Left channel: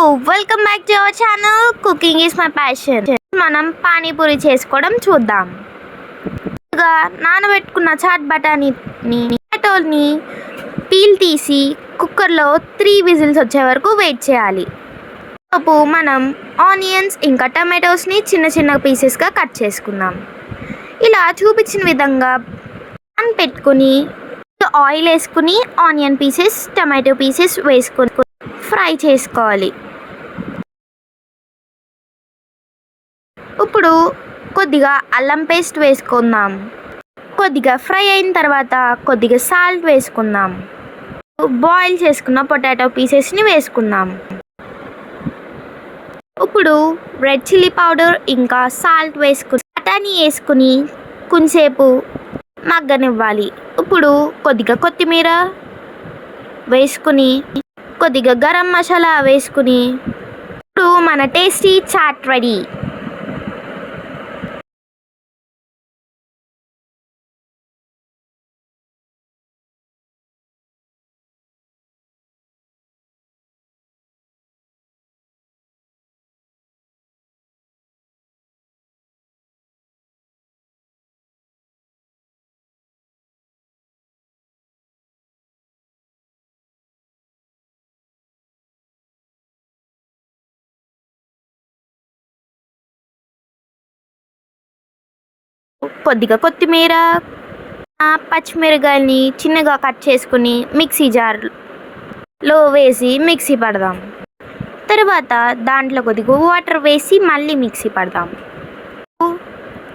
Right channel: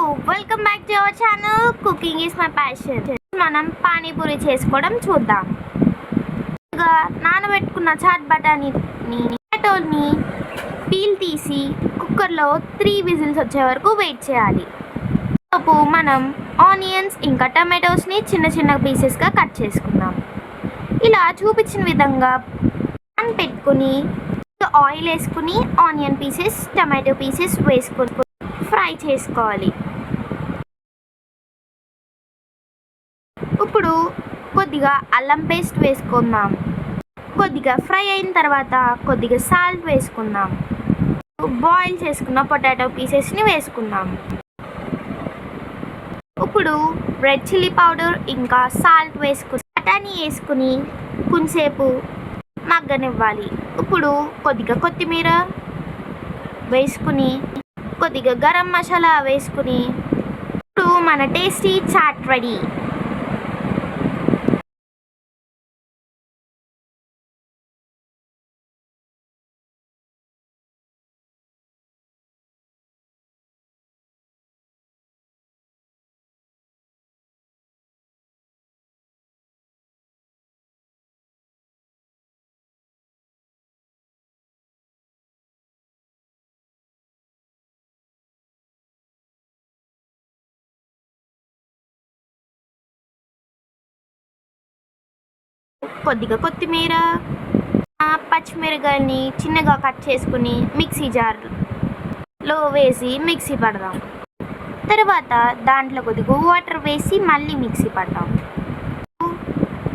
Welcome back to our channel. Cooking is my passion మనం పానీపూరి చేసుకోవడం చూద్దాం. ముందుగా నానబెట్టుకున్న చాట్ బటానీని టమాటోని పీల్ తీసి కుక్కర్లో త్రీ విజిల్స్ వచ్చే వరకు వెయిట్ చేయాలి. లోపు మనం ఆనియన్స్ ఇంకా టమాటోస్ని చిన్న చిన్న పీసెస్గా కట్ చేసుకుందాం. ఇలా చూపించిన విధంగా పాన్ పెట్టుకుని ఆయిల్ వేసుకుని ఆనియన్ పీసెస్ టమాటో పీసెస్ వేసుకొని ఫ్రై చేసుకోవాలి. ఇప్పుడు కొద్దిగా అల్లం పేస్ట్ వేసుకుందాం. కొద్దిగా ఫ్రై అయిన తర్వాత కొద్దిగా సాల్ట్ వేసుకుందాం. బాయిల్ చేసుకున్న పొటాటో పీసెస్ని వేసుకుందాం. ఇప్పుడు రెడ్ చిల్లీ పౌడర్ ఇంకా సాల్ట్ వేసుకుని బఠానీ వేసుకుని కొంచెంసేపు మగ్గనివ్వాలి. ఇప్పుడు కొద్దిగా కొత్తిమీర వేసుకుని కొద్దిగా గరం మసాలా వేసుకుని ఇప్పుడు మన టేస్టీ చాట్ రెడీ. కొద్దిగా కొత్తిమీర ఆ, పచ్చిమిరకాయల్ని చిన్నగా కట్ చేసుకుని మిక్సీ జార్లో వేసి మిక్సీ పడదాం. తర్వాత దాంట్లో కొద్దిగా వాటర్ వేసి మళ్ళీ మిక్సీ పడదాం.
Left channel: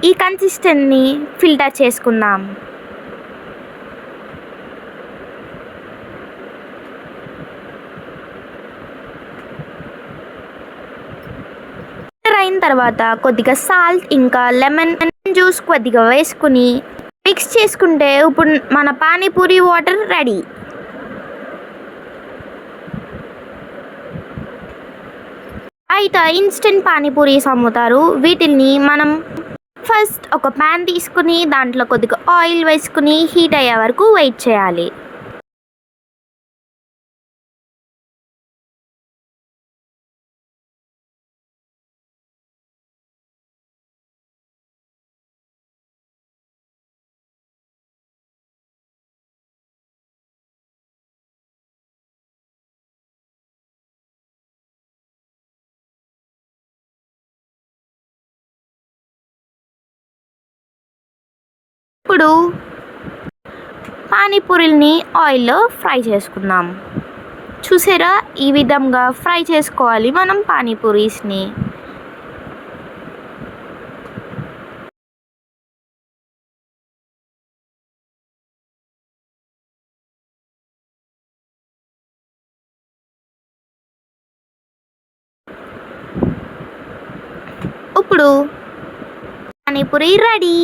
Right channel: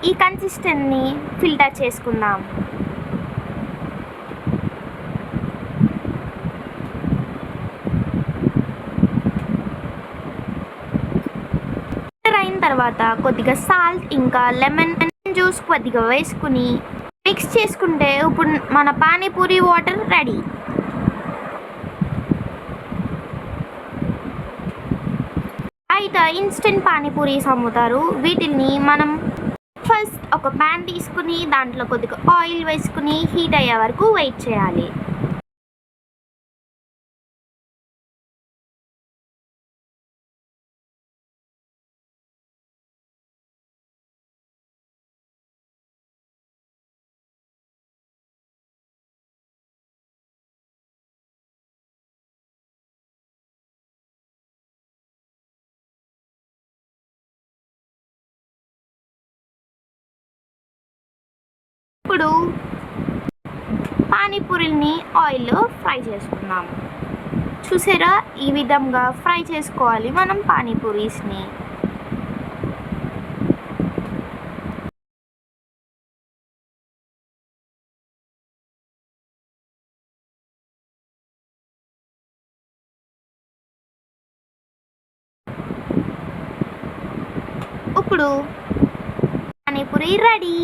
ఈ కన్సిస్టెంట్ని ఫిల్టర్ చేసుకుందాం. ఫిల్టర్ అయిన తర్వాత కొద్దిగా సాల్ట్ ఇంకా లెమన్ జ్యూస్ కొద్దిగా వేసుకుని మిక్స్ చేసుకుంటే ఇప్పుడు మన పానీపూరి వాటర్ రెడీ. అయితే ఇన్స్టెంట్ పానీపూరీస్ అమ్ముతారు వీటిని మనం ఫస్ట్ ఒక ప్యాన్ తీసుకుని దాంట్లో కొద్దిగా ఆయిల్ వేసుకుని హీట్ అయ్యే వరకు వెయిట్ చేయాలి. ఇప్పుడు పానీపూరిని ఆయిల్లో ఫ్రై చేసుకుందాం. చూసారా? ఈ విధంగా ఫ్రై చేసుకోవాలి మనం పానీపూరీస్ని. ఇప్పుడు పానీపూరి రెడీ.